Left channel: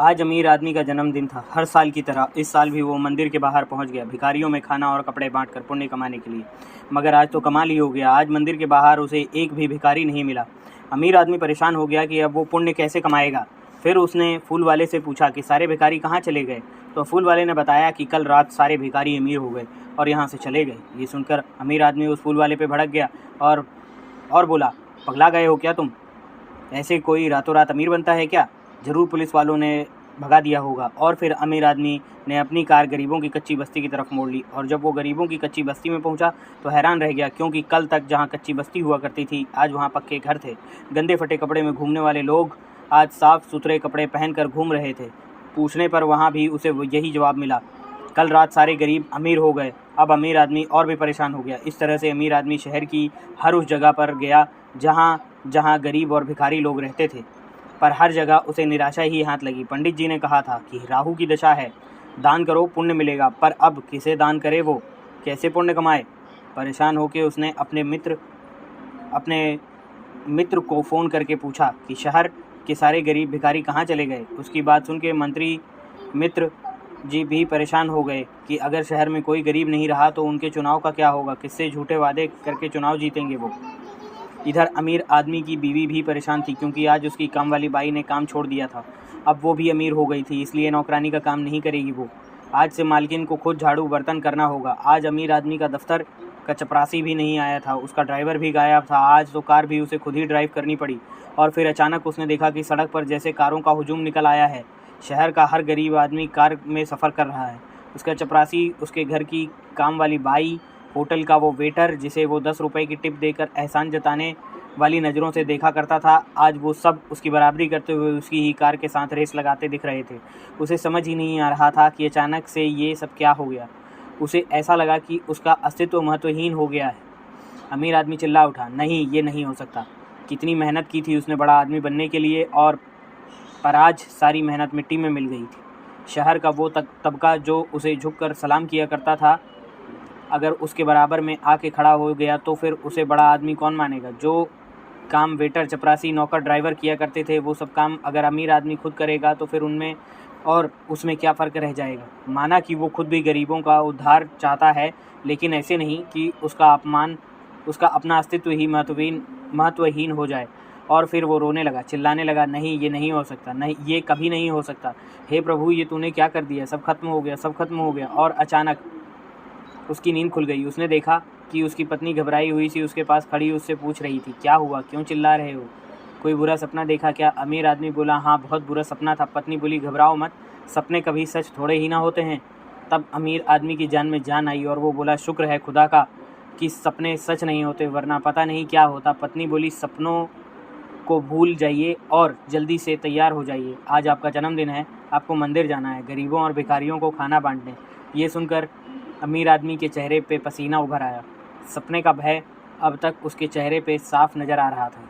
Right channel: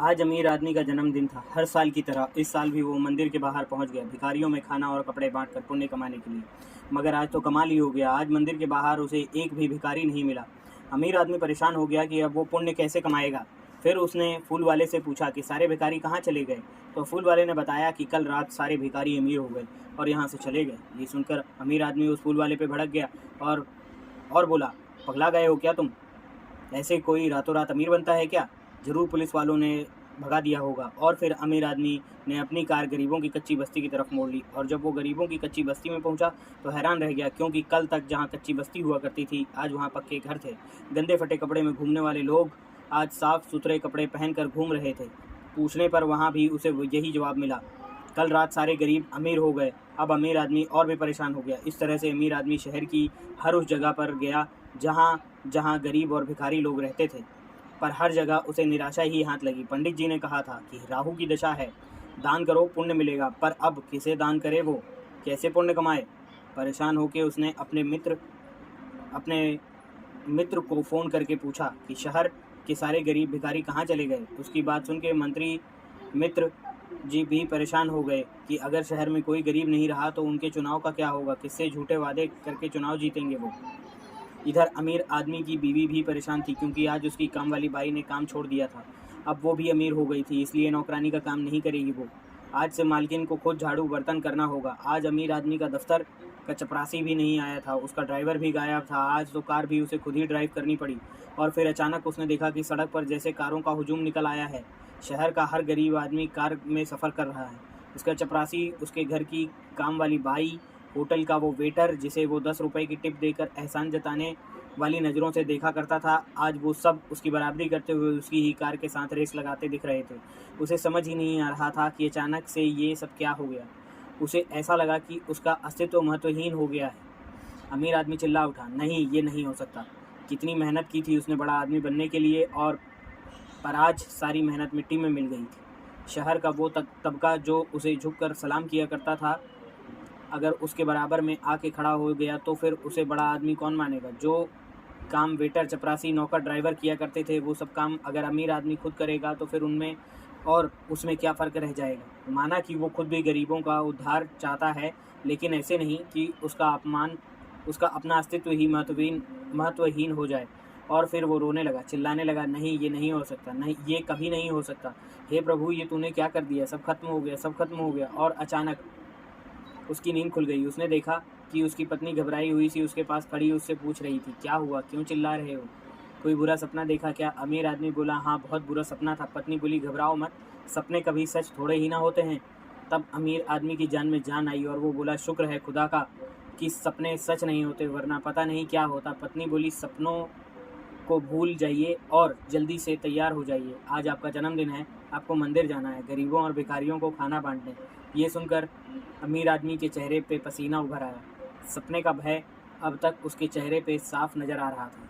आज अमीर आदमी का जन्मदिन था। हर साल की तरह इस साल भी वो मंदिर के बाहर पहुंच गया, भिखारियों में खाना और कपड़े बांटकर पुण्य कमाने के लिए। मगर आज तो कमाल ही हो गया, आज मंदिर के बाहर उसे एक भी भिखारी नहीं मिला। अमीर आदमी परेशान हो गया कि अब वो पुण्य कैसे कमाएगा। फिर उसने फूल वाले से पूछा कि सारे भिखारी कहाँ चले गए। तो फूल वाले ने बताया कि कल रात सारे भिखारी अमीर हो गए और यहाँ से चले गए। ये सुनकर अमीर आदमी उस फूल वाले पे भड़क गया और बोला, पगला गए हो क्या तुम? ऐसे कोई रातों रात अमीर बनता है क्या? ज़रूर पुलिस वालों ने भगा दिया होगा। और फिर अमीर आदमी ने अपनी कार गरीबों की कच्ची बस्ती की तरफ मोड़ ली। और जब वो गरीबों की कच्ची बस्ती में पहुंचा तो हैरान रह गया, क्योंकि कल तक जहां कच्ची बस्ती हुआ करती थी आज वहां पक्के घर थे। गंदे फटे कपड़े में घूमने वाले लोग आज साफ़ सुथरे कपड़े पहनकर घूम रहे थे। पूछने पर वहाँ भी उसे यही जवाब मिला, कल रात सारे गरीब अमीर हो गए। अब अमीर आदमी और भी परेशान हो गया। इस तरह से अमीर आदमी शहर की हर उस जगह पर गया जहाँ जहाँ गरीब और भिखारी लोग रहते थे, पर हर जगह उसे निराशा ही हाथ लगी। पंडित जी ने कहा था कि राहु की दशा है, दान करो पुण्य मिलेगा, पर अब किसे दान करे, वो कैसे पुण्य कमाए? परेशान होकर उसने अपने मित्र को फ़ोन करके पूछा कि शहर के सारे गरीब भिखारी कहाँ चले गए। उसकी बात सुन के मंत्री मित्र जी भी परेशान हो गए कि अगर शहर में कोई गरीब नहीं रहा तो उनके चुनाव का क्या होगा, किससे झूठे वादे करके चुनाव जीतेंगे वो। इधर अमीर आदमी की बीवी भी परेशान थी, क्योंकि आज उसकी काम वाली बाई ने काम छोड़ दिया था। अब वो भी अमीर हो गई थी, इसलिए नौकरानी का काम नहीं करेगी वो। आज से मालकिन को खुद झाड़ू बर्तन करना होगा। आज अमीर आदमी का दफ्तर का चपरासी भी नहीं आया था, उसका ड्राइवर भी गायब था। आज तो कार भी उसे खुद ही ड्राइव करनी पड़ी। और फिर अचानक उसने देखा कि सड़क पर जैसे कारों का हुजूम निकल आया है। शहर का हर गरीब आदमी कार में सफ़र कर रहा है। उसका चपरासी, उसके घर की काम वाली बाई, होटल का वो वेटर जिसे वो 10 रुपये की टिप देकर एहसान जताने वाली नज़रों से देखा करता था, आज वो सब उसकी बराबरी करते हुए उसकी ही कार के साथ रेस लगाते दिख रहे थे। उसे समझ ही नहीं आ रहा था कि अचानक से ये सब क्या हो गया। उसे ऐसा लगा कि उसका अस्तित्व महत्वहीन हो गया है। अमीर आदमी चिल्ला उठा, नहीं, ये नहीं हो सकता। कितनी मेहनत की थी उसने बड़ा आदमी बनने के लिए, और पर आज सारी मेहनत मिट्टी में मिल गई थी। शहर का वो तबका जो उसे झुककर सलाम किया करता था, अगर उसके बराबर में आके खड़ा हो गया तो फिर उसे बड़ा आदमी कौन मानेगा? जो काम वेटर, चपरासी, नौकर, ड्राइवर किया करते थे, वो सब काम अगर अमीर आदमी खुद करेगा तो फिर उनमें और उसमें क्या फ़र्क रह जाएगा? माना कि वो खुद भी गरीबों का उद्धार चाहता है, लेकिन ऐसे नहीं कि उसका अपना अस्तित्व ही महत्वहीन हो जाए। और फिर वो रोने लगा, चिल्लाने लगा, नहीं, ये नहीं हो सकता, नहीं, ये कभी नहीं हो सकता। हे प्रभु, ये तूने क्या कर दिया? सब खत्म हो गया, सब खत्म हो गया। और अचानक उसकी नींद खुल गई। उसने देखा कि उसकी पत्नी घबराई हुई सी उसके पास खड़ी उससे पूछ रही थी, क्या हुआ, क्यों चिल्ला रहे हो? कोई बुरा सपना देखा क्या? अमीर आदमी बोला, हाँ, बहुत बुरा सपना था। पत्नी बोली, घबराओ मत, सपने कभी सच थोड़े ही ना होते हैं। तब अमीर आदमी की जान में जान आई और वो बोला, शुक्र है खुदा का कि सपने सच नहीं होते, वरना पता नहीं क्या होता। पत्नी बोली, सपनों को भूल जाइए और जल्दी से तैयार हो जाइए, आज आपका जन्मदिन है, आपको मंदिर जाना है, गरीबों और भिखारियों को खाना बांटने। ये सुनकर अमीर आदमी के चेहरे पे पसीना उभर आया। सपने का भय अब तक उसके चेहरे पे साफ नज़र आ रहा था।